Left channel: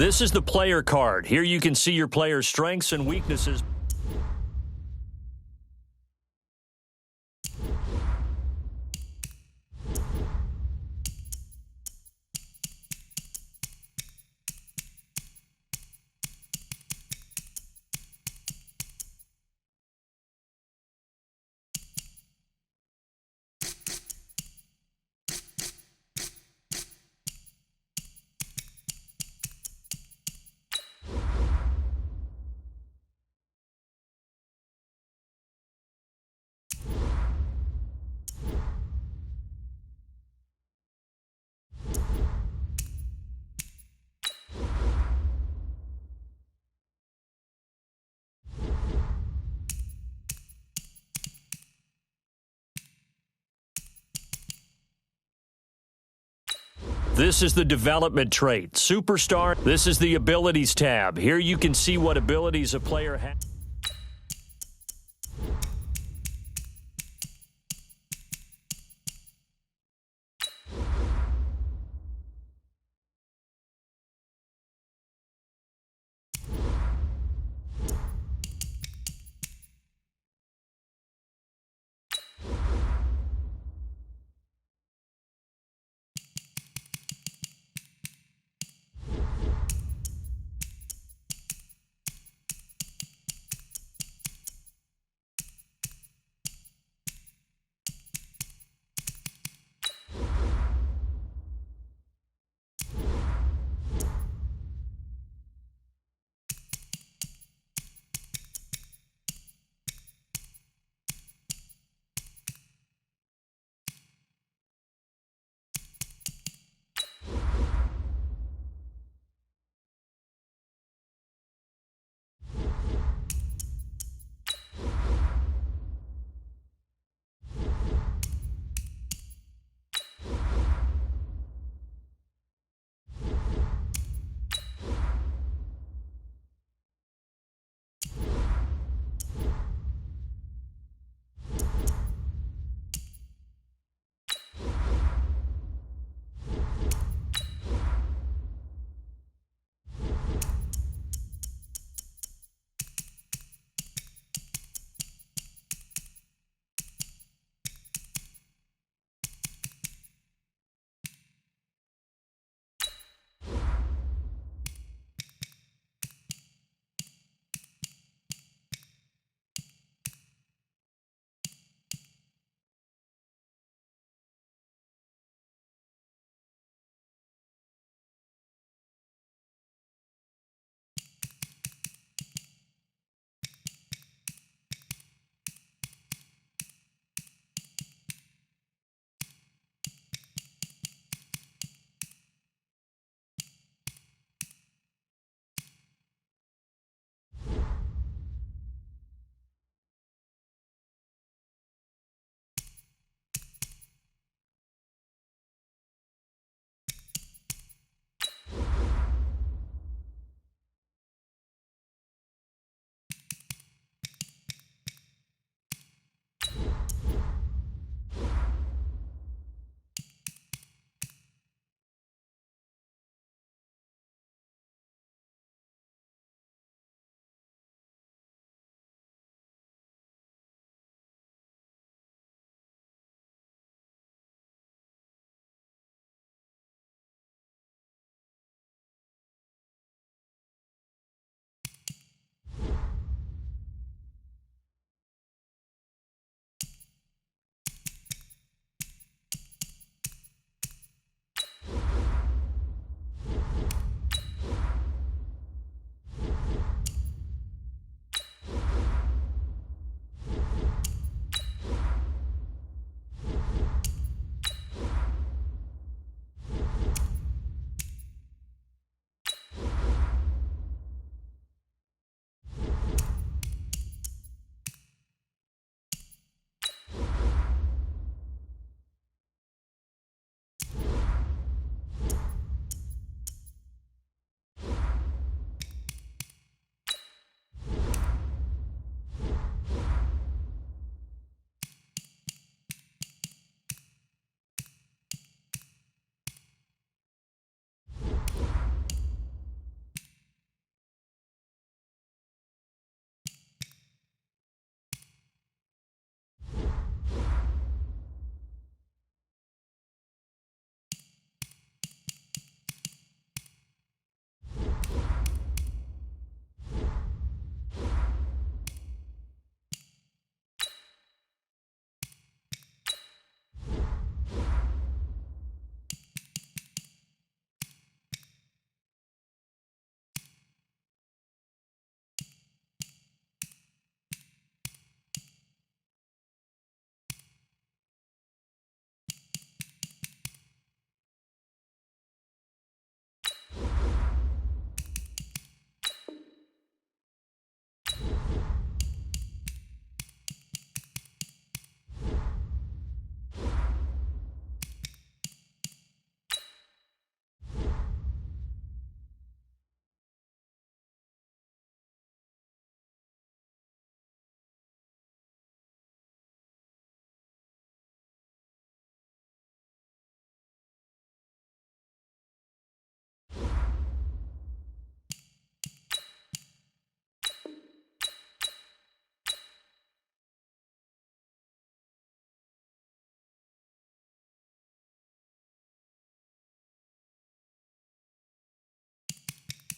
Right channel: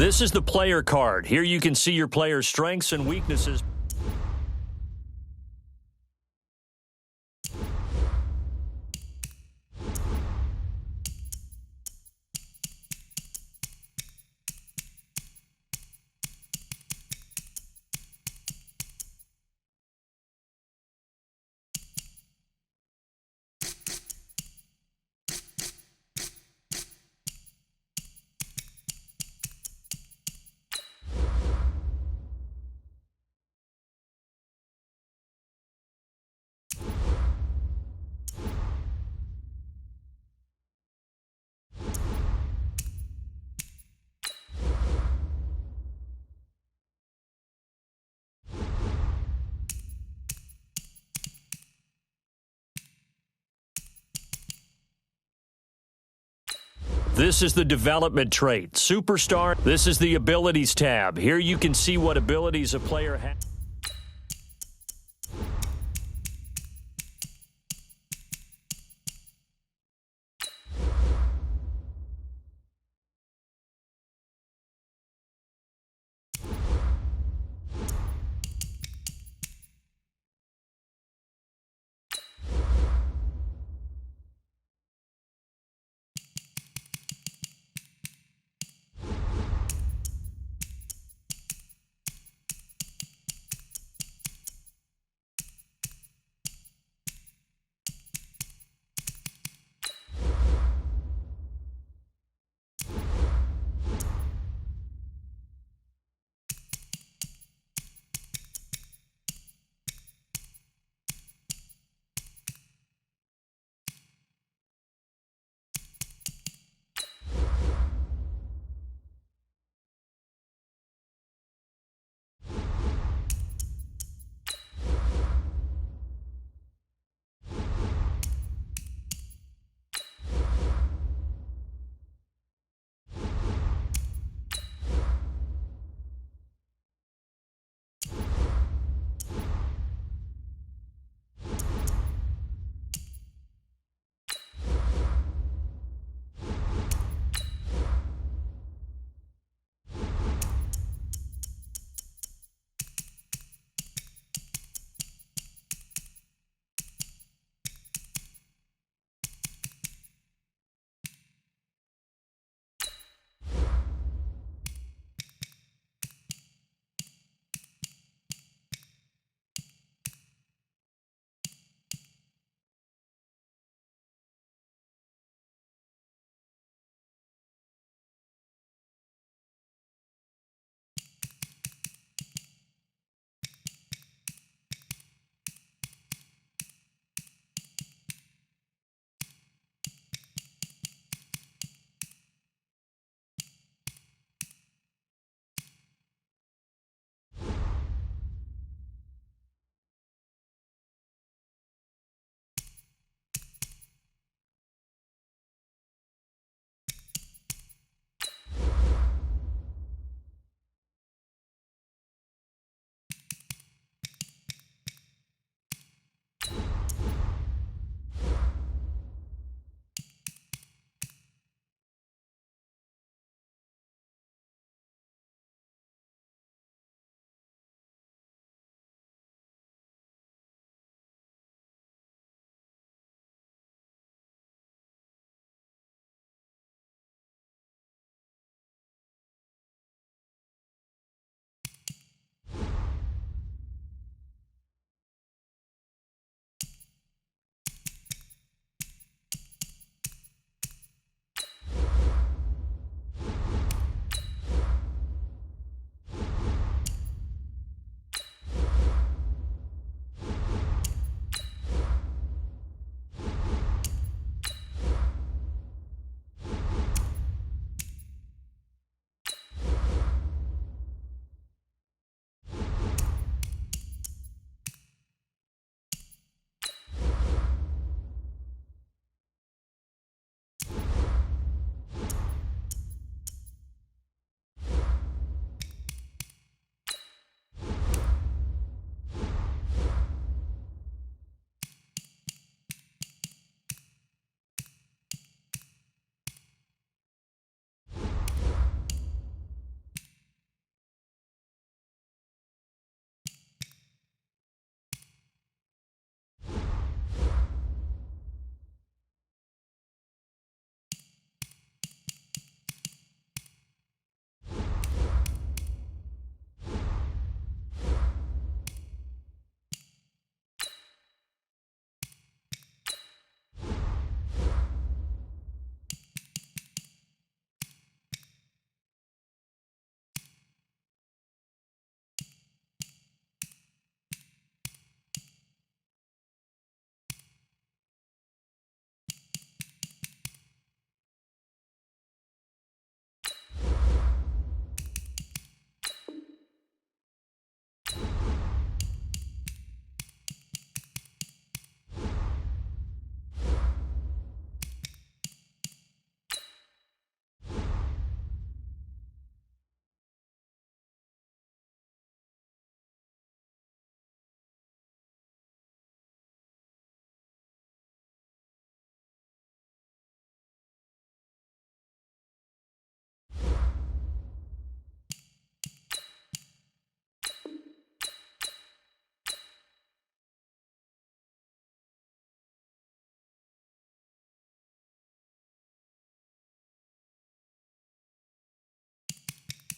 This is the player card. Here you can see your player's strengths and weaknesses. This is the development trait, superstar. This is the abilities tab. Here you can see what abilities a player has.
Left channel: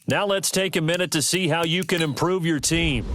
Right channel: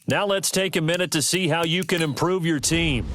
Now let's take a minute to see how you can improve your team.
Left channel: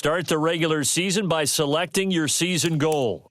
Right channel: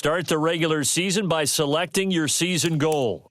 Start the regular season by selecting your season goal.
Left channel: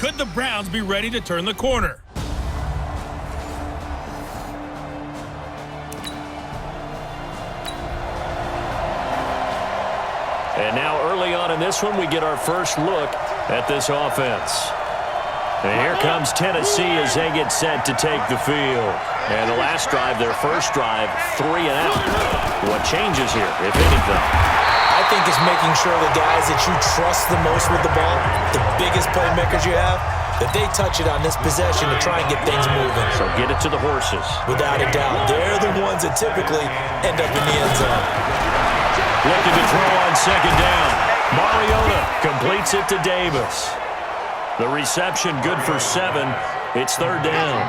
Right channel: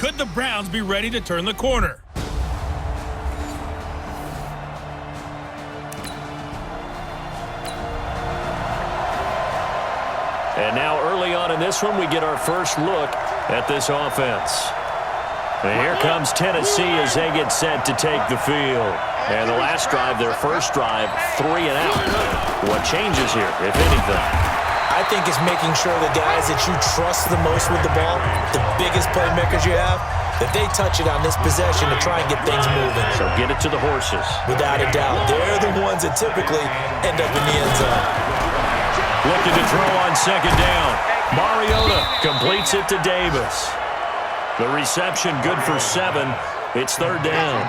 Could the Browns be ready to turn the corner? And now early on in this one, we get our first look at this offense. And here comes Tennessee as they get set to take the field. And the last drive, their first drive, 3 and out. What changes here, if anything? I think it's making sure the guys that you trust the most with the ball, the biggest playmakers you have, that they touch it on this possession to try and get things moving. So get it to the horses. Without a doubt. They're the ones that typically end up in the end zone. Looking to throw on second down. Mariota completes it to Davis. The reception good for 7. It's third down.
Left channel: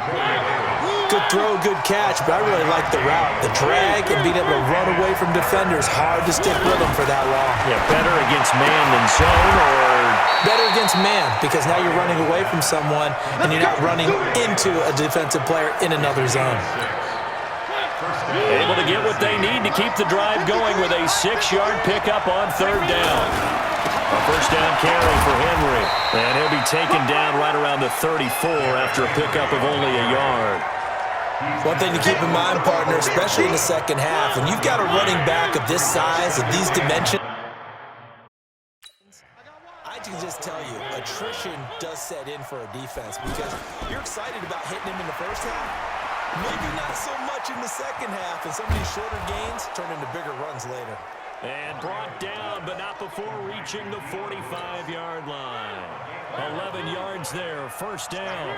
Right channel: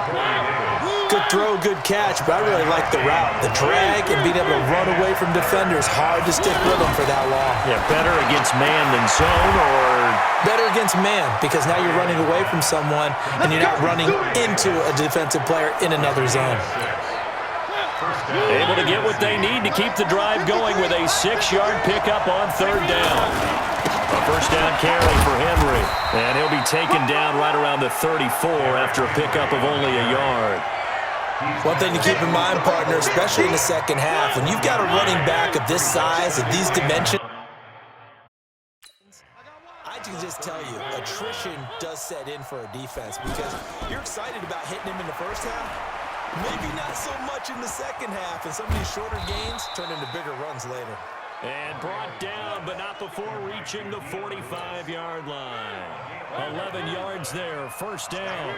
Good throw, good catch, but I really like the route. The drag and being able to run away from defenders, hard to stick with them for that long. Yeah, better against man than zone, or? Better against man, because now you're running away from someone and you're not running into a defensive player in another zone. Able to get what they need to keep the drive going with a 6-yard pickup on third down. A first down carry for Henry, and he'll be taken down right around the 34 after a pickup of only a yard. One thing to keep in mind, partner, especially in the second half, when you've got a running back of this size, of these dimensions, I can just tell you, attrition does set in for a defense because you're excited about hitting him in the first half. Maybe not so much in the second half, and some of these shorter gains turn into bigger runs later. And brought down, but not before reaching the 45-yard line. 11 yards there, first down.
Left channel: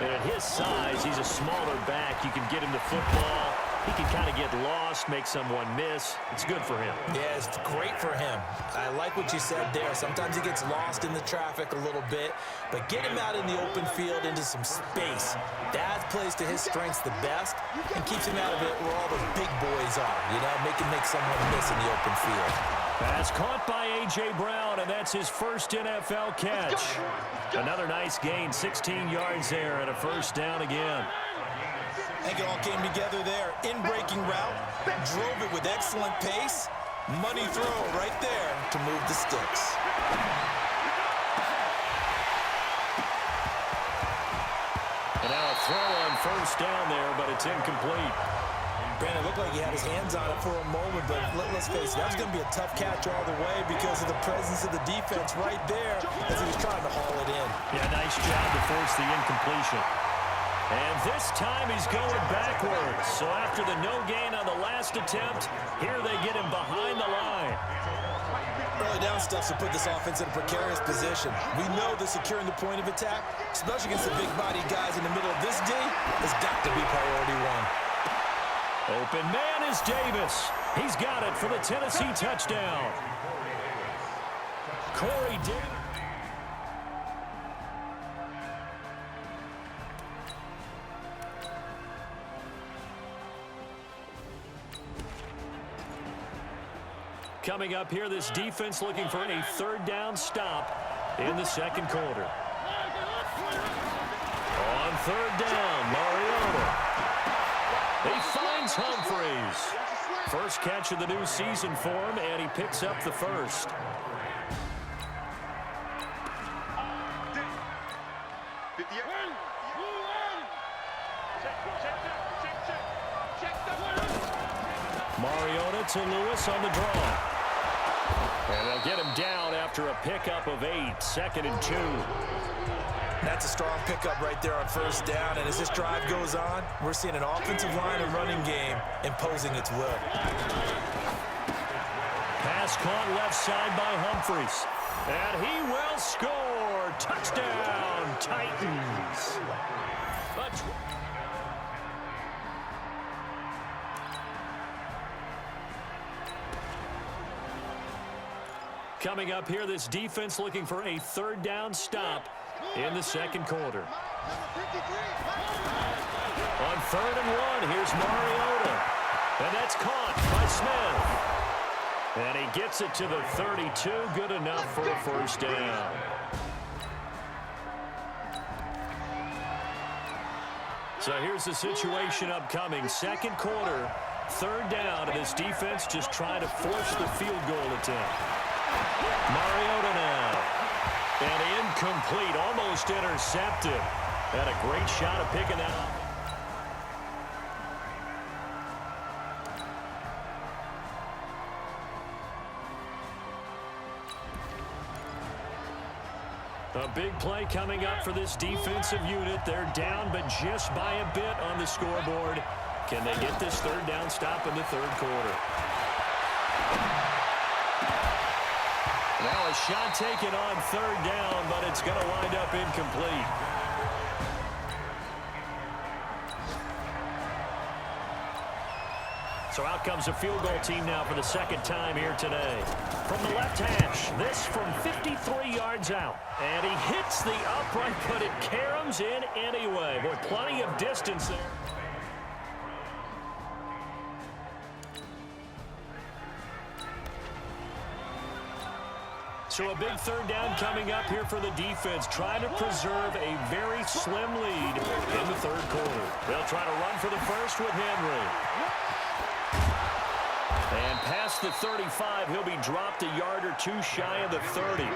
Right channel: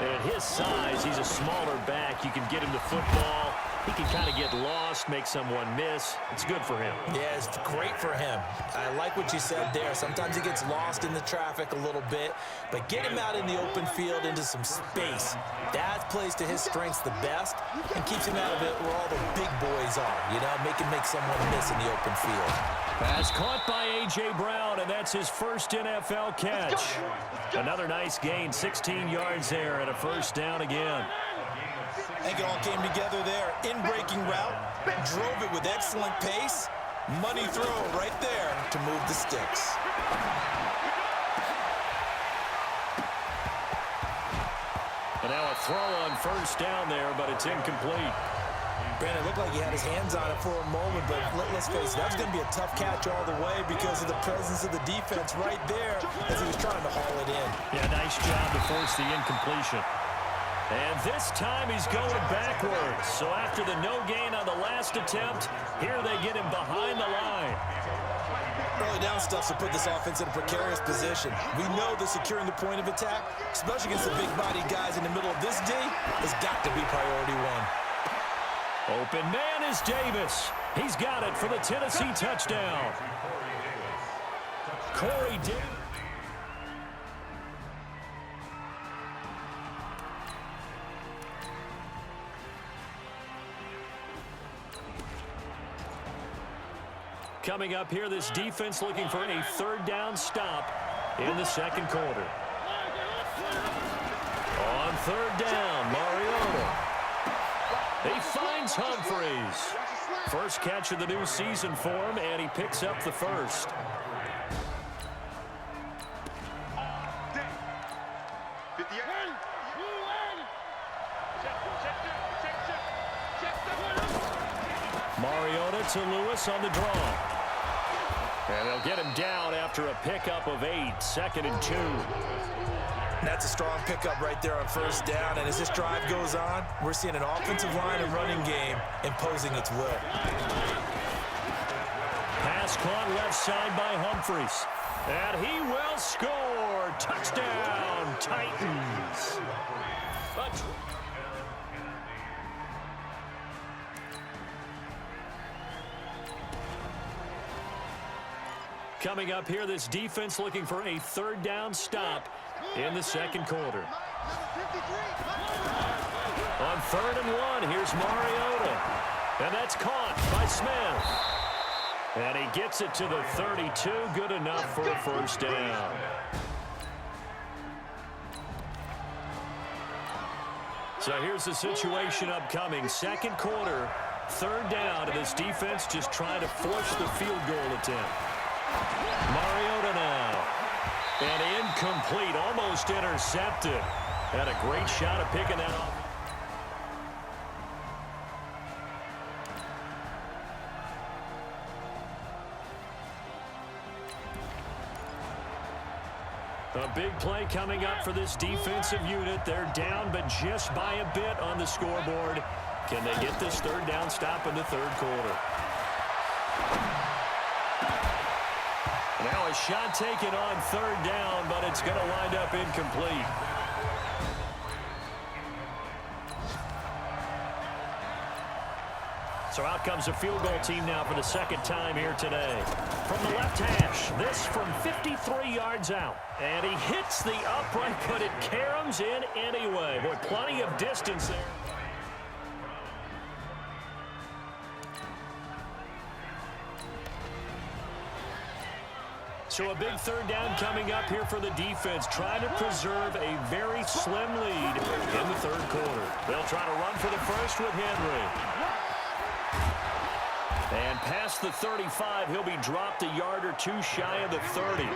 And at his size, he's a smaller back. You can get him the football. He can kind of get lost, make someone miss. It's good for him. Yeah, it's great for him. I like what you said there. Sometimes he gets lost in the traffic a little bit, but get him out in the open field into some space. That plays to his strengths the best and keeps him out of it where all the big boys are, you know, make someone miss in the open field. Pass caught by A.J. Brown, and that's his first NFL catch. Another nice gain, 16 yards there, and a first down again. I think it all came together there. In-breaking route, drove it with excellent pace. Money throw right there to move the sticks. And now a throw on first down there, but it's incomplete. Brandon, it looked like he had his hands on it for a moment, but let's face it, that's going to be a tough catch all the way because of the presence of the defense right there as he was trying to haul it in. Yeah, nice job to force the incompletion. And this time he's going backwards. So after the no gain on the last attempt, here they get him behind the line. Early down stuff to put this offense in a precarious position. We know that securing the point of attack, especially against the big-bodied guys in the middle of this D, has got to be priority one. Open man is Davis. He's got it for the Tennessee touchdown. Corey Davis. Coming up here, this defense looking for a third down stop in the second quarter. On third down, Mariota. He finds Humphries. First catch of the new season for him, and he picks up the first. Mariota to Lewis on the draw. And they'll get him down after a pickup of 8, 2nd and 2. That's a strong pickup right there on first down, and as this drive goes on, we're seeing an offensive line and running game imposing its will. Pass caught left side by Humphries. And he will score. Touchdown, Titans. Coming up here, this defense looking for a third down stop in the second quarter. On 3rd and 1, here's Mariota. And that's caught by Smith. And he gets it to the 32, good enough for a first down. So here's the situation upcoming. Second quarter, third down, and this defense just trying to force the field goal attempt. Mariota now. And incomplete, almost intercepted. Had a great shot at picking that up. A big play coming up for this defensive unit. They're down, but just by a bit on the scoreboard. Can they get this third down stop in the third quarter? Now a shot taken on third down, but it's going to wind up incomplete. So out comes a field goal team now for the second time here today. From the left hash, this from 53 yards out. And he hits the upright, but it caroms in anyway. Boy, plenty of distance there. So a big third down coming up here for the defense, trying to preserve a very slim lead in the third quarter. They'll try to run for the first with Henry. And past the 35, he'll be dropped a yard or two shy of the 30.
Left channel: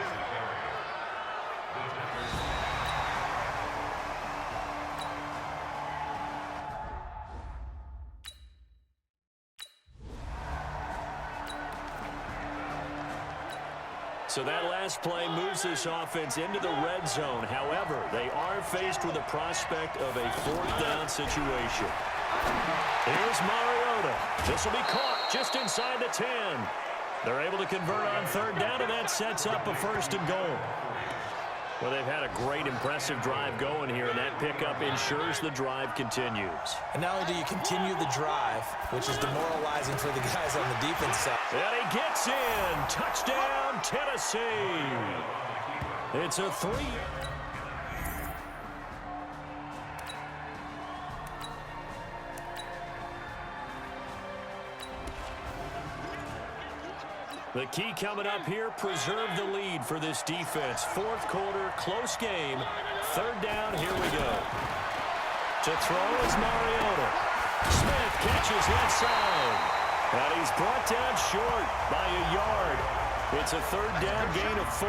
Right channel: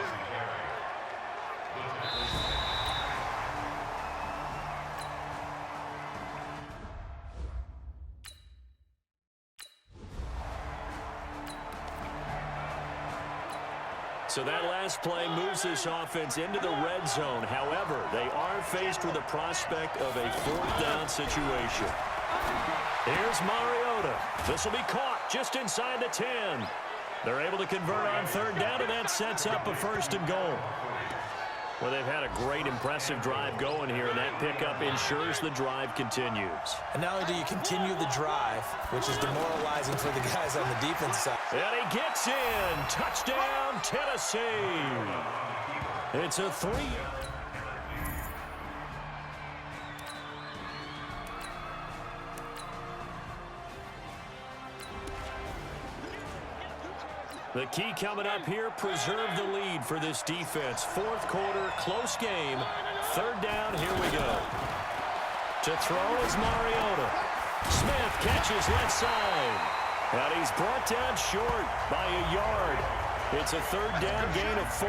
So that last play moves this offense into the red zone. However, they are faced with the prospect of a fourth down situation. Here's Mariota. This will be caught just inside the 10. They're able to convert on third down, and that sets up a first and goal. Well, they've had a great, impressive drive going here, and that pickup ensures the drive continues. And not only do you continue the drive, which is demoralizing for the guys on the defense side. And he gets in. Touchdown, Tennessee. It's a 3. The key coming up here, preserve the lead for this defense. Fourth quarter, close game. Third down, here we go. To throw is Mariota. Smith catches left side. And he's brought down short by a yard. It's a third down gain of 4.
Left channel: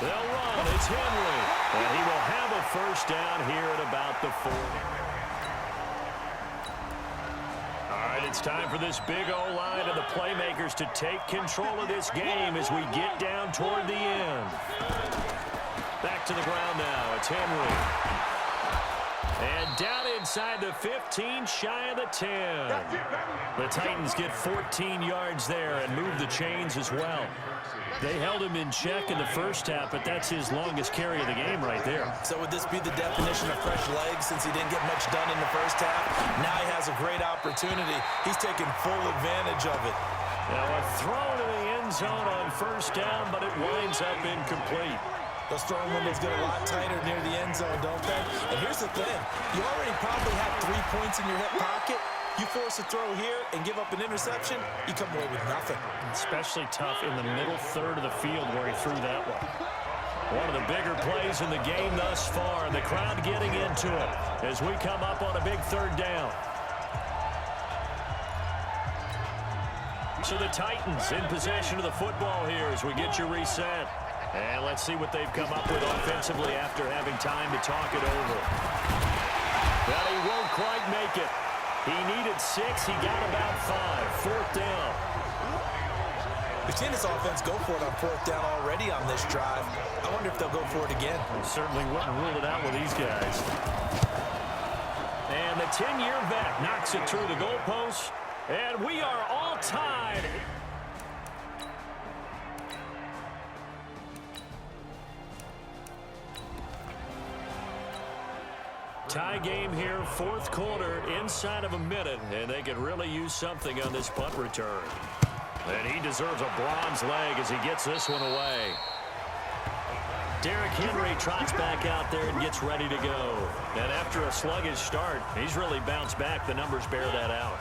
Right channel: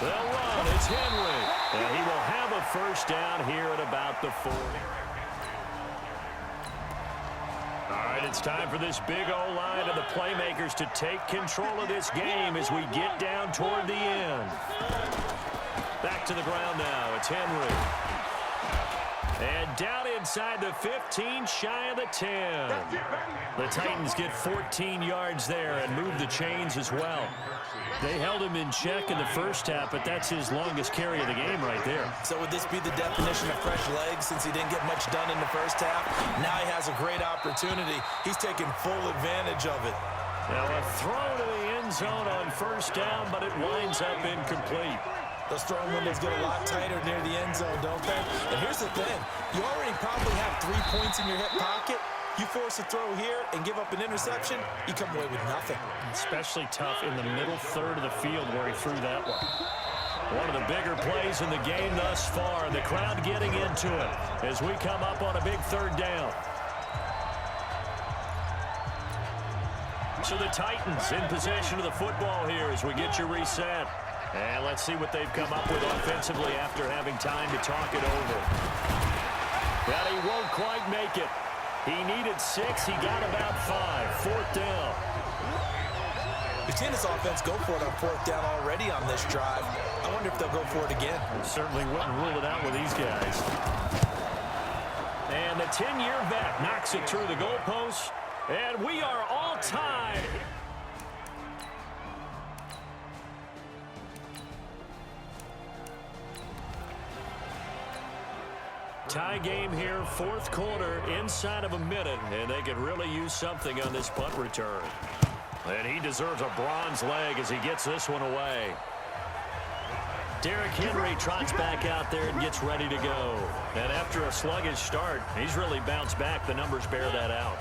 They'll run. It's Henry. And he will have a first down here at about the 40. All right, it's time for this big O-line and the playmakers to take control of this game as we get down toward the end. Back to the ground now. It's Henry. And down inside the 15, shy of the 10. The Titans get 14 yards there and move the chains as well. They held him in check in the first half, but that's his longest carry of the game right there. So would this be the definition of fresh legs since he didn't get much done in the first half? Now he has a great opportunity. He's taking full advantage of it. Now a throw to the end zone on first down, but it winds up incomplete. Those throwing windows get a lot tighter near the end zone, don't they? And here's the thing. You already probably have 3 points in your hip pocket. You force a throw here and give up an interception, you come away with nothing. Especially tough in the middle third of the field where he threw that one. One of the bigger plays in the game thus far, and the crowd getting into it as we come up on a big third down. So the Titans in possession of the football here as we get you reset. And let's see what they've come up with offensively after having time to talk it over. But he won't quite make it. He needed 6. He got about 5. Fourth down. We've seen this offense go for it on fourth down already on this drive. I wonder if they'll go for it again. I certainly wouldn't rule it out with these guys. And the 10-year vet knocks it through the goalpost. And we are all tied. Tie game here, fourth quarter, inside of a minute, and they could really use something on this punt return. And he deserves a bronze leg as he gets this one away. Derrick Henry trots back out there and gets ready to go. And after a sluggish start, he's really bounced back. The numbers bear that out.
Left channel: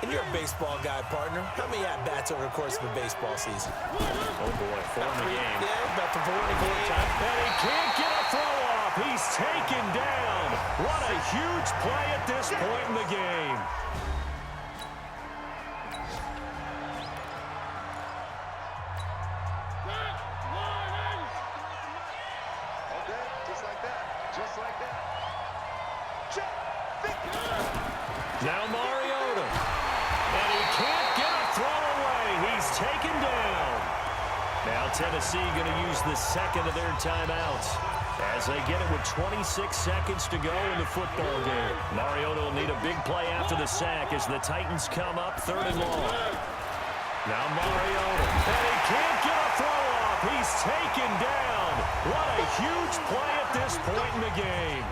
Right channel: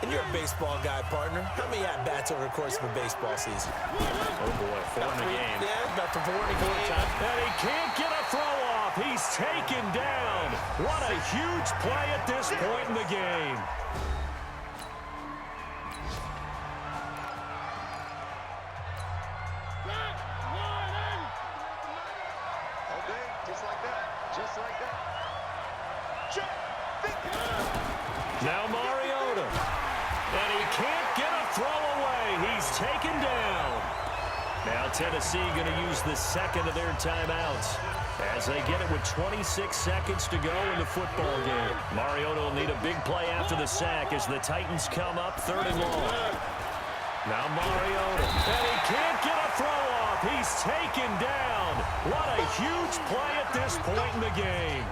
And you're a baseball guy, partner. How many at-bats over the course of a baseball season? Oh, boy, 4 in the game. Yeah, about the 4 in the game. And he can't get a throw off. He's taken down. What a huge play at this point in the game. Now Mariota. And he can't get a throw away. He's taken down. Now Tennessee going to use the second of their timeouts as they get it with 26 seconds to go in the football game. Mariota will need a big play after the sack as the Titans come up 3rd and long. Now Mariota. And he can't get a throw off. He's taken down. What a huge play at this point in the game.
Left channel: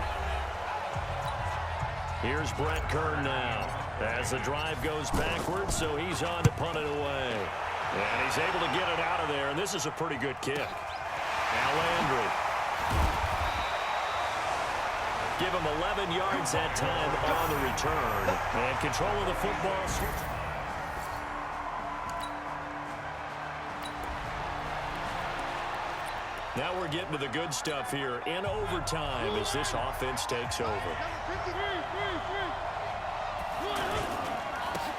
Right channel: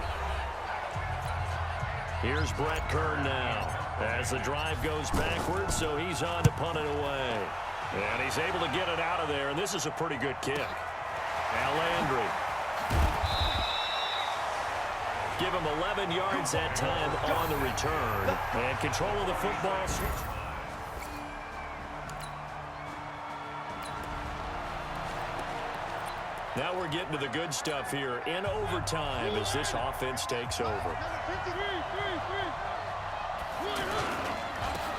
Here's Brett Kern now as the drive goes backwards, so he's on to punt it away. And he's able to get it out of there, and this is a pretty good kick. Now Landry. Give him 11 yards that time on the return. And control of the football. Now we're getting to the good stuff here in overtime as this offense takes over.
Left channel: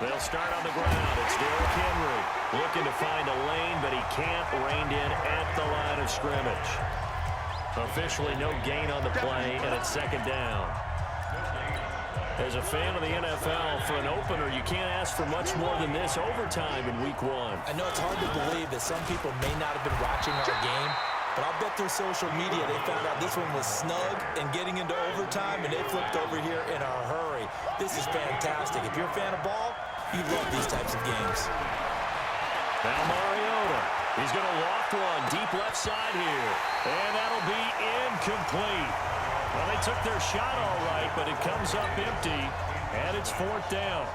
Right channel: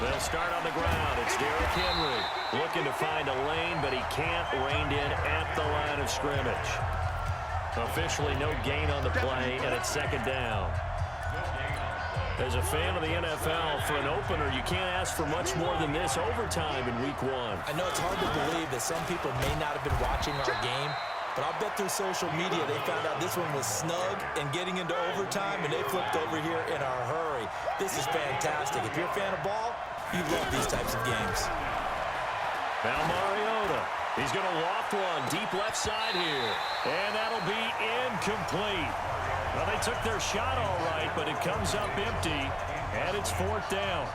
They'll start on the ground. It's Derrick Henry looking to find a lane, but he can't. Reined in at the line of scrimmage. Officially no gain on the play, and it's 2nd down. As a fan of the NFL, for an opener, you can't ask for much more than this overtime in Week 1. I know it's hard to believe that some people may not have been watching our game, but I'll bet through social media they found out this one was snug and getting into overtime, and they flipped over here in a hurry. This is fantastic. If you're a fan of ball, you love these types of games. Now Mariota. He's going to loft one deep left side here. And that'll be incomplete. Well, they took their shot all right, but it comes up empty, and it's 4th down.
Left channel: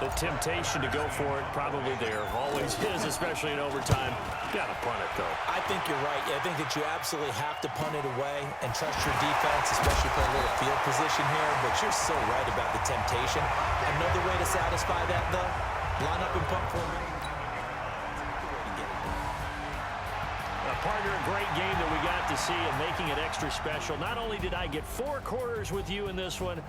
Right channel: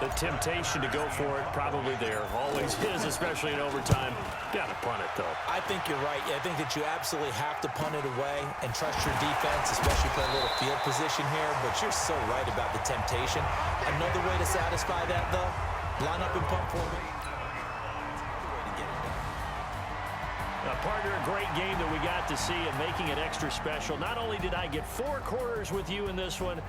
The temptation to go for it probably there. Always is, especially in overtime. Got to punt it, though. I think you're right. I think that you absolutely have to punt it away and trust your defense, especially for a little field position here. But you're so right about the temptation. Another way to satisfy that, though, line up and punt for me. Partner, a great game that we got to see and making it extra special. Not only did I get 4 quarters with you in this one,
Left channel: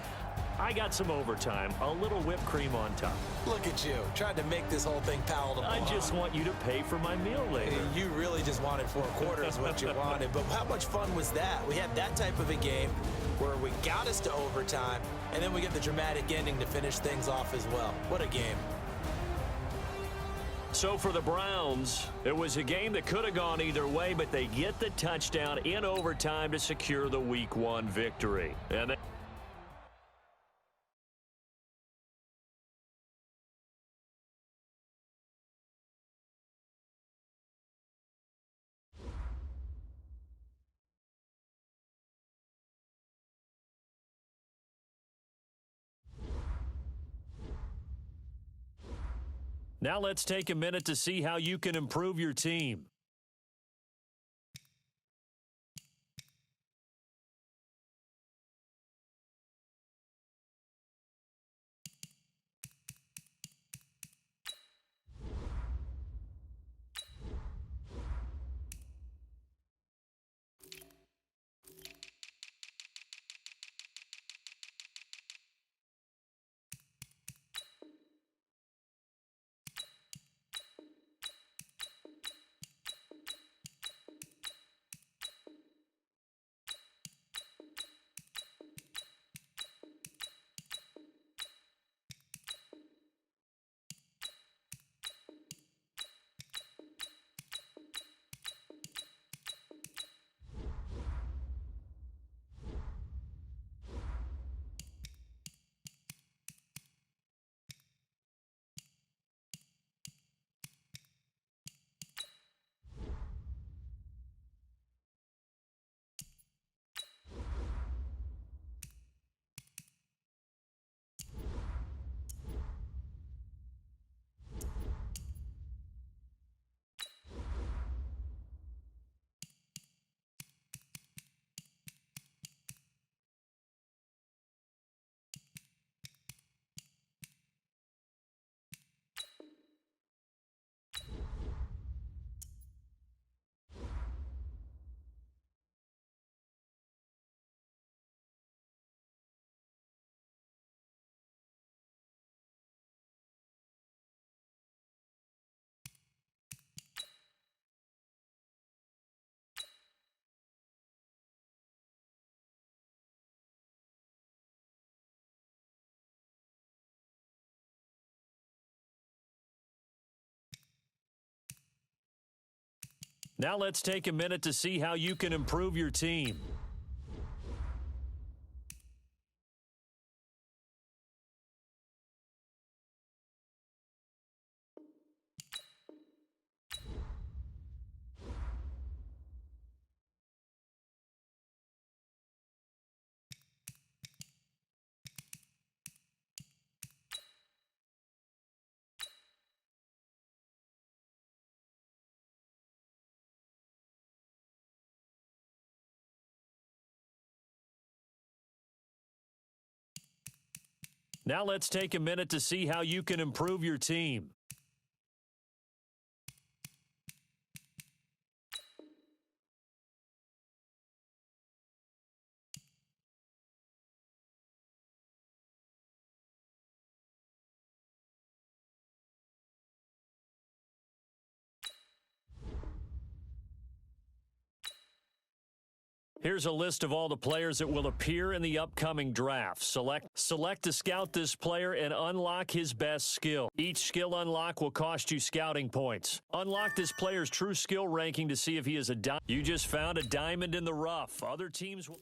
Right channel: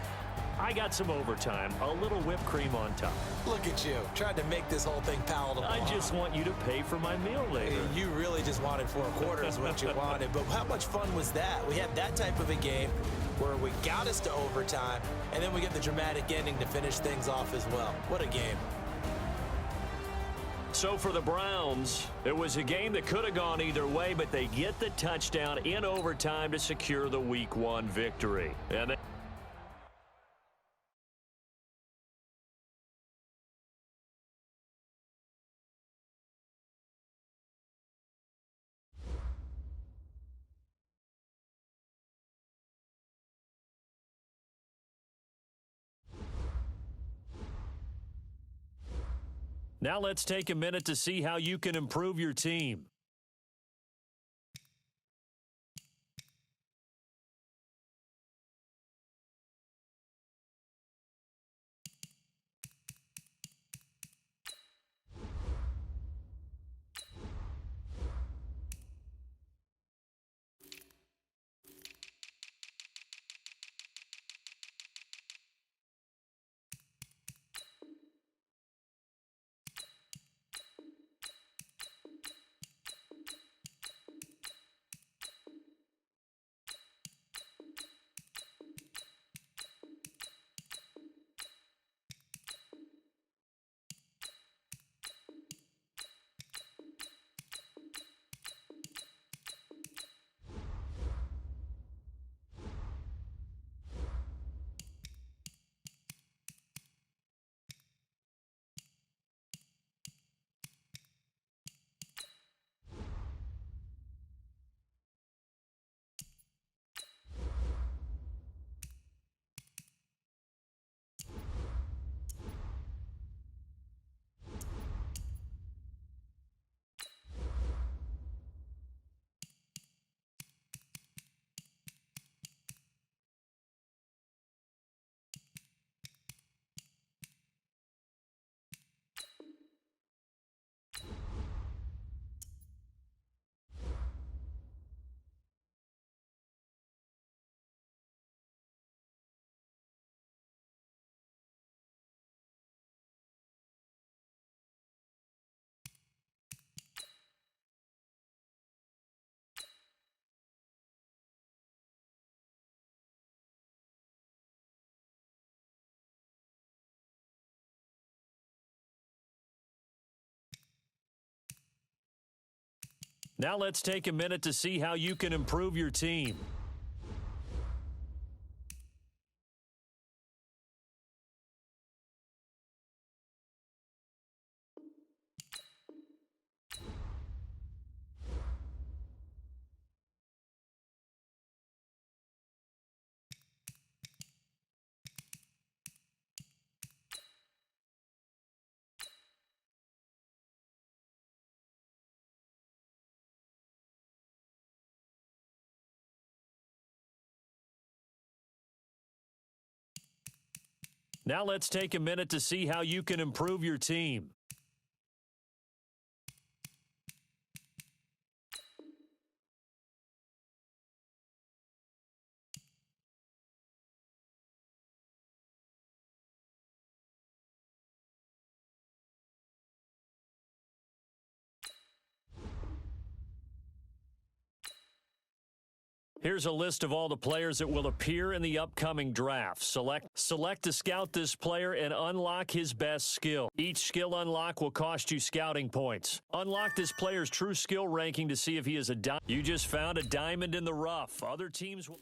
I got some overtime, a little whipped cream on top. Look at you, tried to make this whole thing palatable. I just want you to pay for my meal later. You really just wanted 4 quarters what you wanted, but how much fun was that? We had that type of a game where we got us to overtime, and then we get the dramatic ending to finish things off as well. What a game. So for the Browns, it was a game that could have gone either way, but they get the touchdown in overtime to secure the Week 1 victory. And now let's take a minute to see how you can improve your team. Now let's take a minute to see how you can improve your team. Now let's take a minute to see how you can improve your team. Here's a list of all the players that will appear in the upcoming draft. Select to scout this player and unlock his best skill. Each skill unlock will cost you scouting points. Unlock this player's true skill ranking to see if he is a diamond. You just found a diamond in the rough. Other teams will...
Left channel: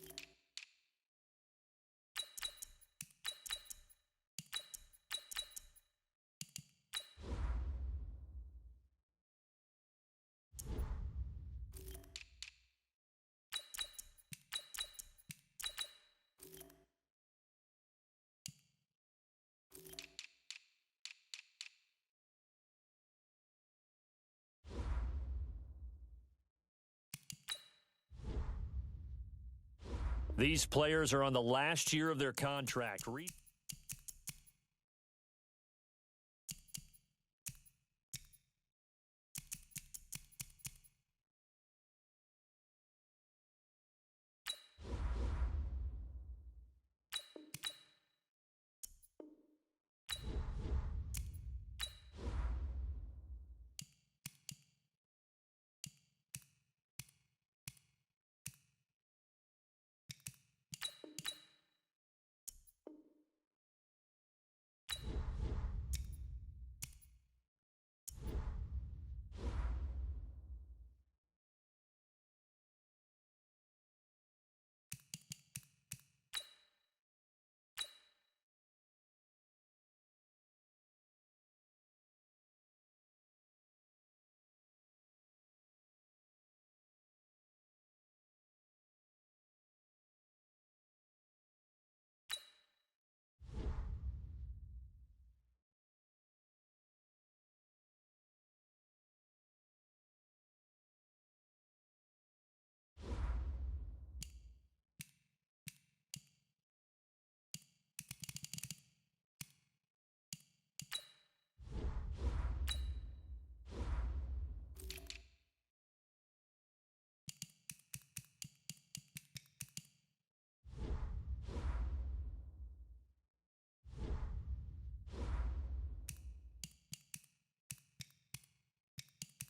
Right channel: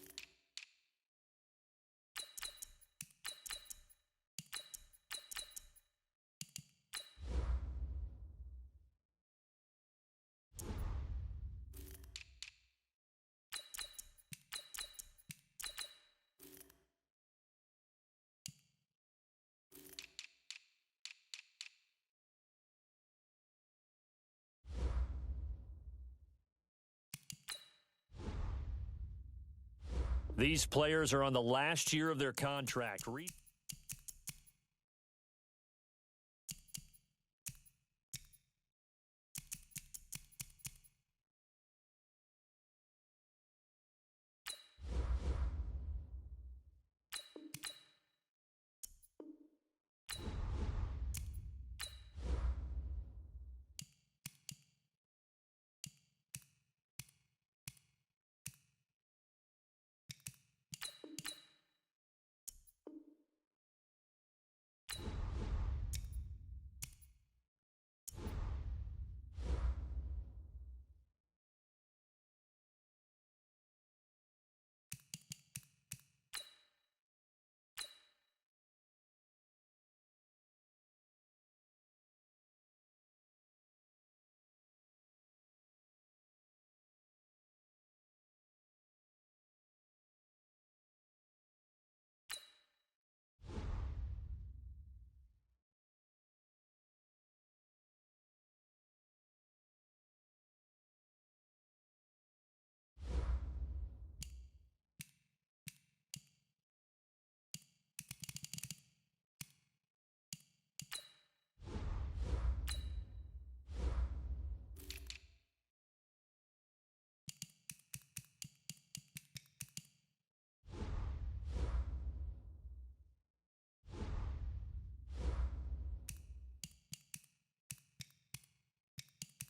These players are on the last year of their contract.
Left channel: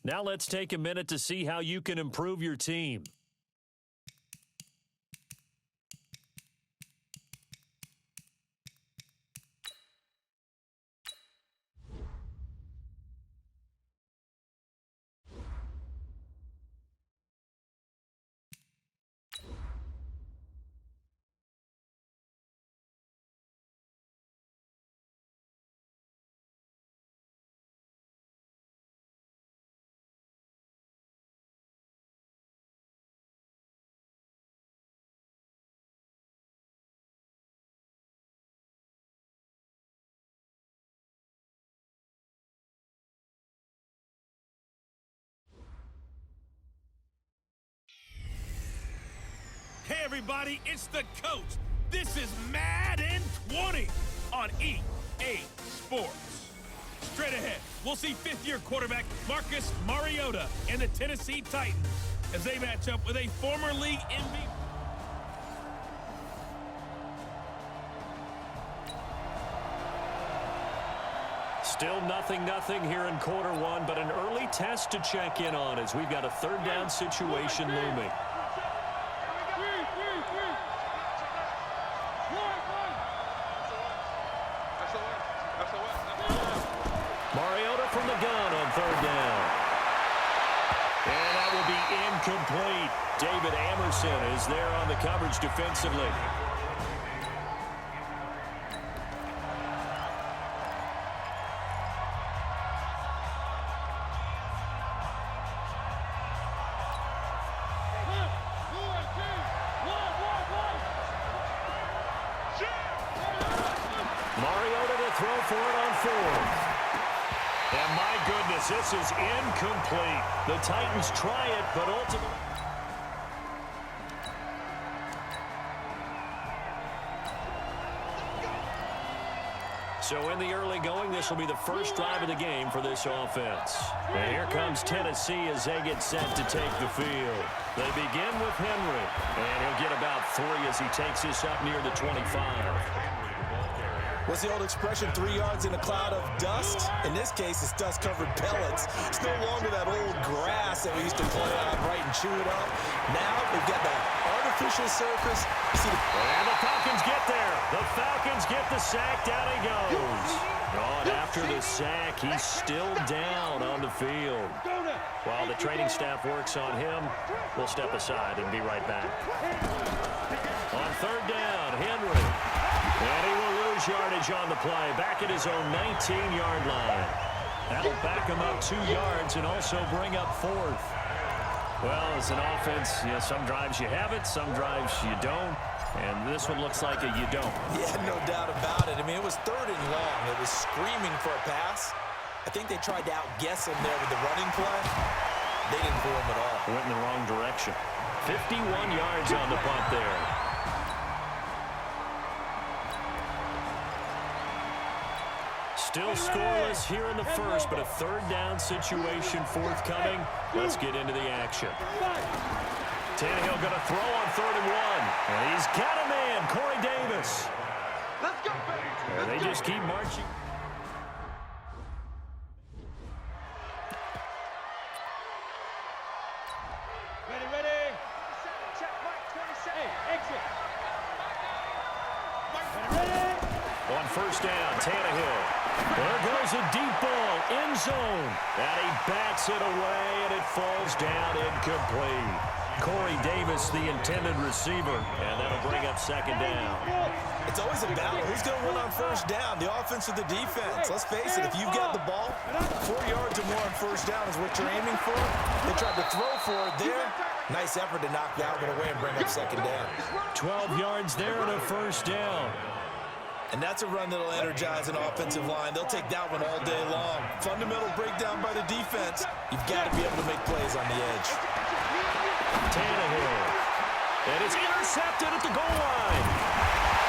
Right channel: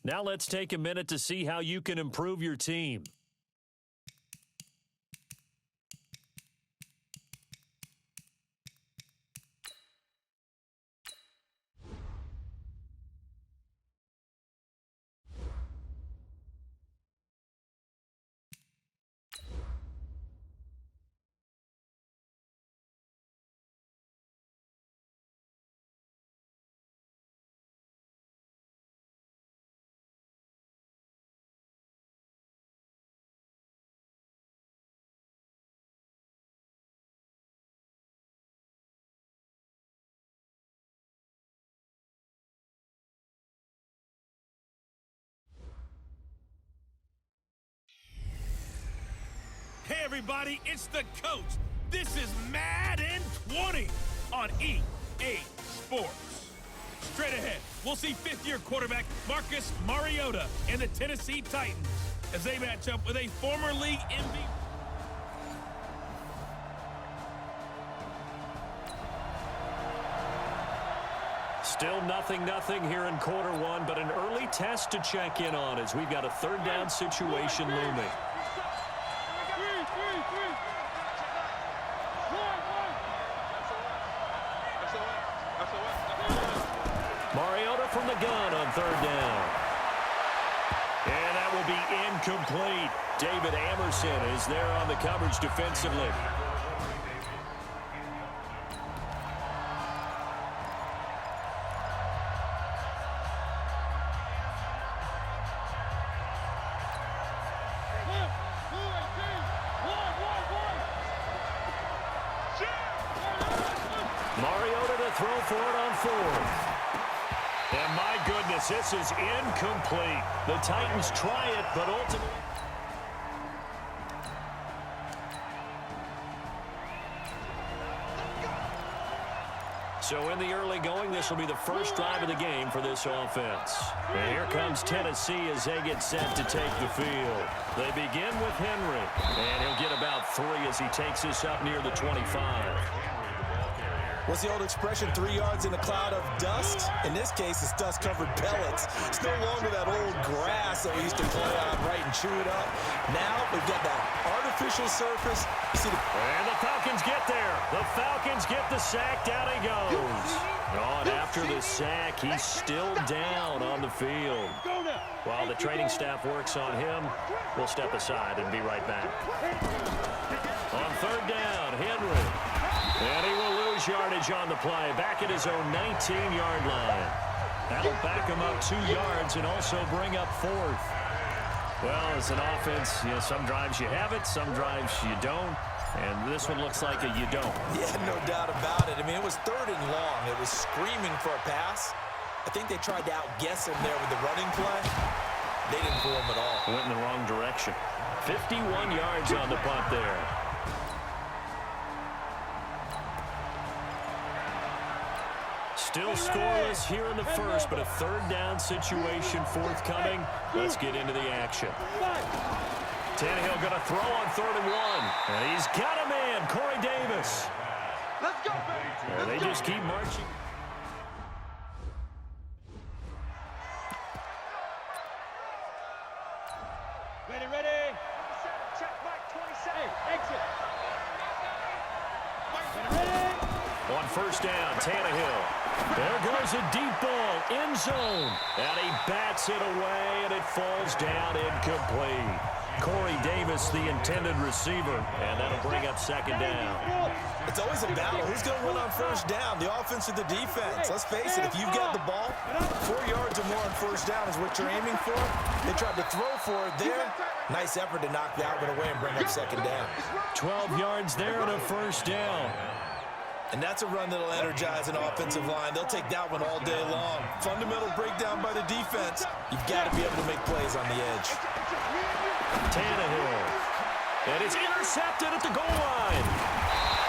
Now let's take a minute to see how you can improve your team. Hey everybody, it's the coach. This is Madden 20 on EA Sports. Straight ahead, we'll see fifth-year quarterback Marcus Mariota and the Tennessee Titans as they match up with a former league MVP. Still 0-0 here in quarter one, but an early test to check in on as we've got a third down situation looming. Mariota from the gun on third down. And that that will be incomplete. David Amerson is there on the coverage defensively. Mariota to throw for it on fourth. And my goodness, this is incomplete. The Titans try it, but ultimately... So in the early going, this will be the first drive of the game for this offense. And here comes Tennessee as they get set to take the field. They begin with Henry, and he'll get about 3 as he takes this up near the 25. What's the old expression, 3 yards in a cloud of dust? In this case, it's dust-covered pellets. It's no longer that old grass that we used to play on, right, and chew it up. Now, we've got that artificial surface. And the Falcons get there. The Falcons get the sack. Down he goes. Oh, and after the sack, he's still down on the field. While the training staff works on him, we'll step aside and be right back. On third down, Henry. And he will lose yardage on the play. Back at his own 19-yard line. That'll back him up 2 yards and also bring up fourth. Well, as an offense, some drives you have it, some drives you don't. And this one looks like a you don't. Yeah, no doubt about it. I mean, it was 3rd and long. It was screaming for a pass. I think they tried to outguess him there with the running play. They didn't fool him at all. Went in the wrong direction. 51 yards on the punt there. Still scoreless here in the first, but a 3rd down situation forthcoming. Let's get into the action. Tannehill going to throw on 3rd and 1. And he's got a man, Corey Davis. Let's go, baby. And they just keep marching. Ready. Check, Mike, 27. Hey, exit. Ready. On 1st down, Tannehill. There goes a deep ball, end zone. And he bats it away, and it falls down incomplete. Corey Davis, the intended receiver, and that'll bring up 2nd down. It's always a battle. Who's going to win on 1st down, the offense or the defense? Let's face it, if you've got the ball, 4 yards or more on 1st down is what you're aiming for. They tried to throw for it there. Nice effort to knock that one away and bring up 2nd down. 12 yards there and a 1st down. And that's a run that'll energize an offensive line. They'll take that one all day long. Fundamental breakdown by the defense. You've got to be able to make plays on the edge. Tannehill. And it's intercepted at the goal line.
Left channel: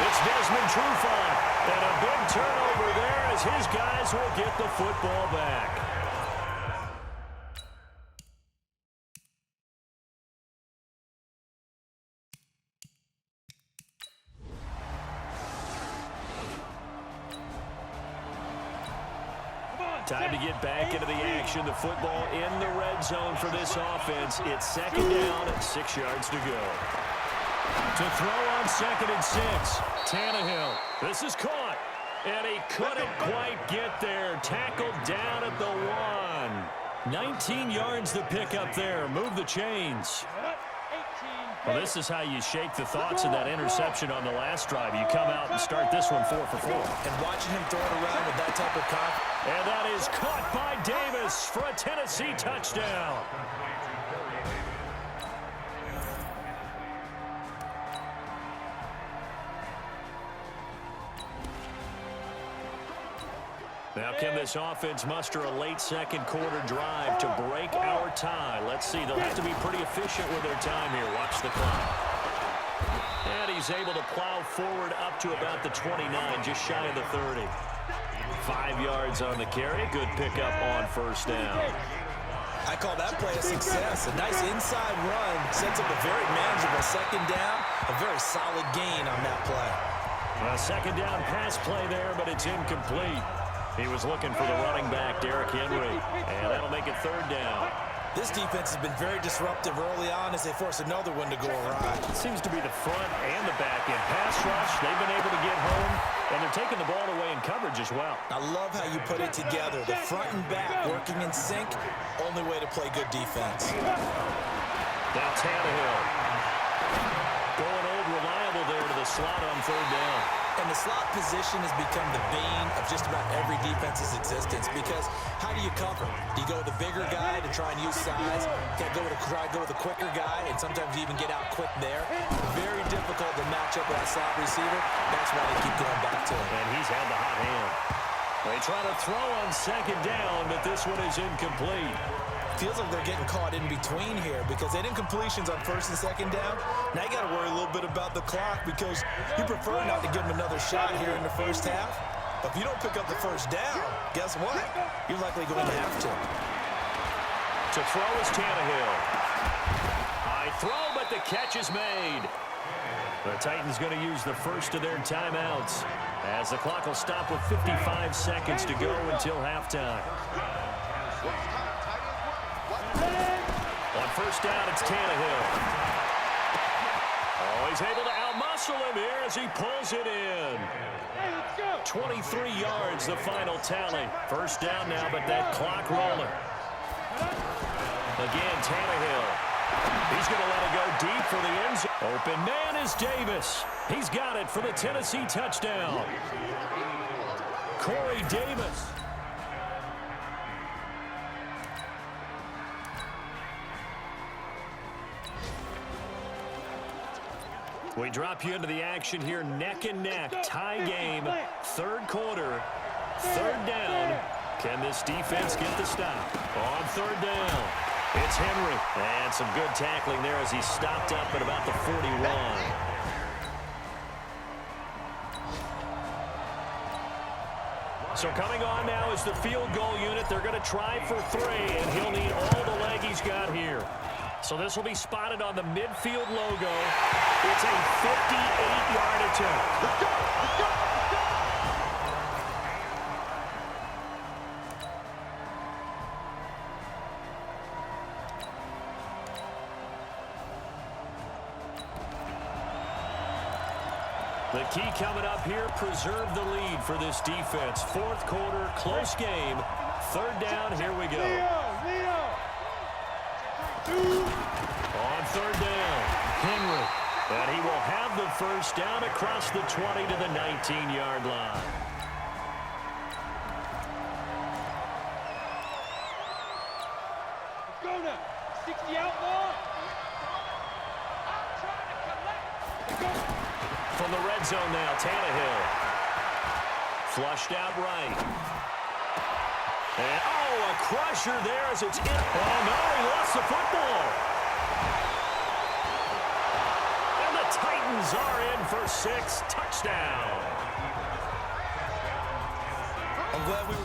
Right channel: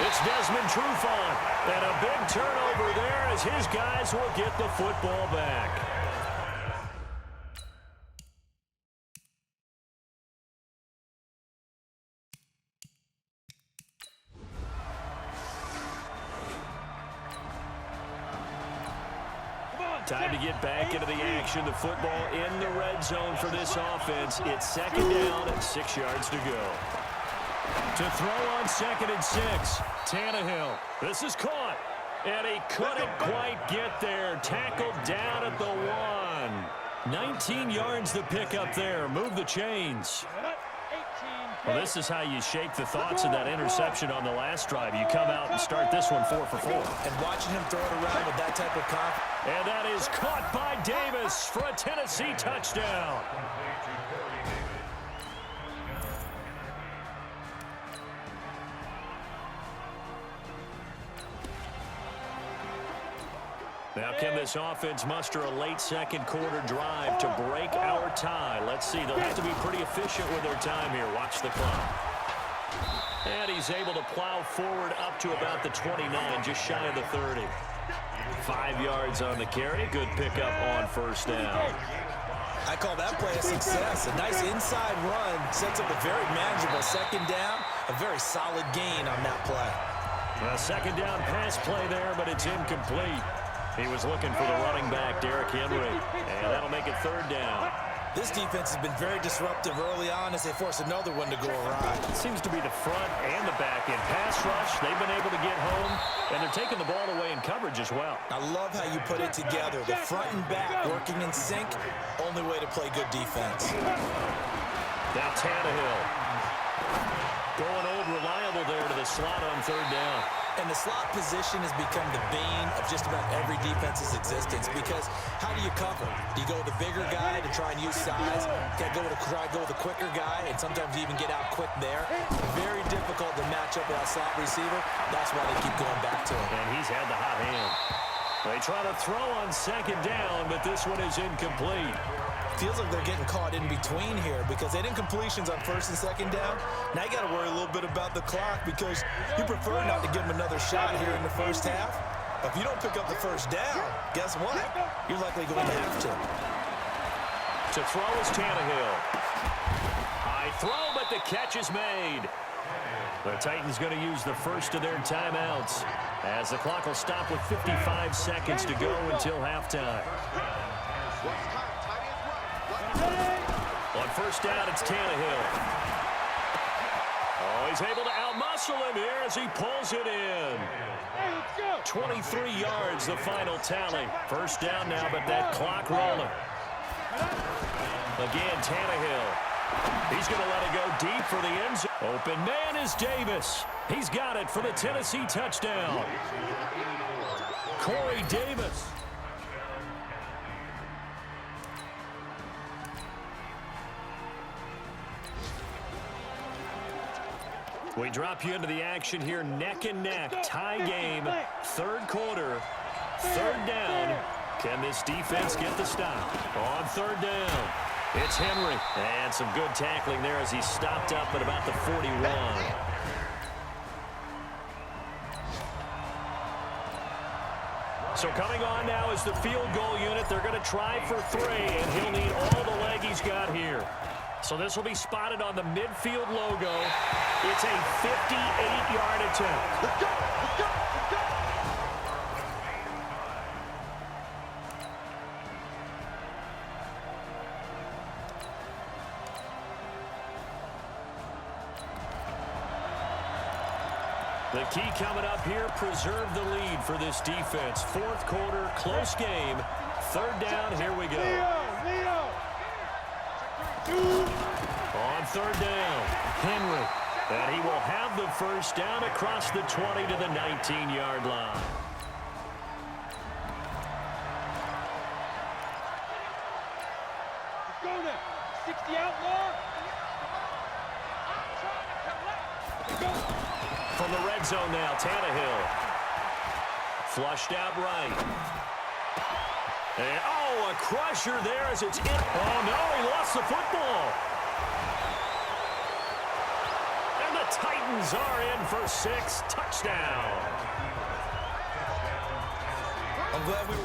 It's Desmond Trufant. And a big turnover there as his guys will get the football back. Time to get back into the action. The football in the red zone for this offense. It's 2nd down and 6 yards to go. To throw on 2nd and 6. Tannehill. This is caught. And he couldn't quite get there. Tackled down at the 1. 19 yards to pick up there. Move the chains. Well, this is how you shake the thoughts of that interception on the last drive. You come out and start this one 4 for 4. And watching him throw it around with that type of confidence. And that is caught by Davis for a Tennessee touchdown. Now, can this offense muster a late 2nd quarter drive to break our tie? Let's see. They'll have to be pretty efficient with their time here. Watch the clock. And he's able to plow forward up to about the 29, just shy of the 30. 5 yards on the carry. Good pickup on 1st down. I call that play a success. A nice inside run sets up a very manageable 2nd down. A very solid gain on that play. A 2nd down pass play there, but it's incomplete. He was looking for the running back, Derrick Henry. And that'll make it 3rd down. This defense has been very disruptive early on as they force another one to go awry. It seems to be the front and the back end. Pass rush, they've been able to get home, and they're taking the ball away in coverage as well. I love how you put it together. The front and back working in sync, only way to play good defense. Now Tannehill. Going old reliable there to the slot on third down. And the slot position has become the bane of just about every defense's existence because how do you cover? Do you go with the bigger guy to try and use size? Try to go with the quicker guy and sometimes you even get out quick there. Very difficult to match up with that slot receiver. That's why they keep going back to him. And he's had the hot hand. They try to throw on second down, but this one is incomplete. Feels like they're getting caught in between here because they didn't completions on first and second down. Now you got to worry a little bit about the clock because you prefer not to give them another shot here in the first half. But if you don't pick up the first down, guess what? You're likely going to have to. To throw is Tannehill. High throw, but the catch is made. The Titans going to use the first of their timeouts as the clock will stop with 55 seconds to go until halftime. On first down, it's Tannehill. Oh, he's able to outmuscle him here as he pulls it in. 23 yards, the final tally. First down now, but that clock rolling. Again, Tannehill. He's going to let it go deep for the end zone. Open man is Davis. He's got it for the Tennessee touchdown. Corey Davis. We drop you into the action here, neck and neck, tie game, third quarter, third down. Can this defense get the stop? On third down, it's Henry. And some good tackling there as he stopped up at about the 41. So coming on now is the field goal unit. They're going to try for 3, and he'll need all the leg he's got here. So this will be spotted on the midfield logo. It's a 58-yard attempt. Let's go! Let's go! Let's go! The key coming up here, preserve the lead for this defense. Fourth quarter, close game. Third down, here we go. Leo! On third down, Henry. And he will have the first down across the 20 to the 19-yard line. Let's go now! 60 outlaw! I'm trying to collect! Let's go! From the red zone now, Tannehill. Flushed out right. And, oh, a crusher there as it's in. Oh, no, he lost the football. And the Titans are in for 6. Touchdown. I'm glad we were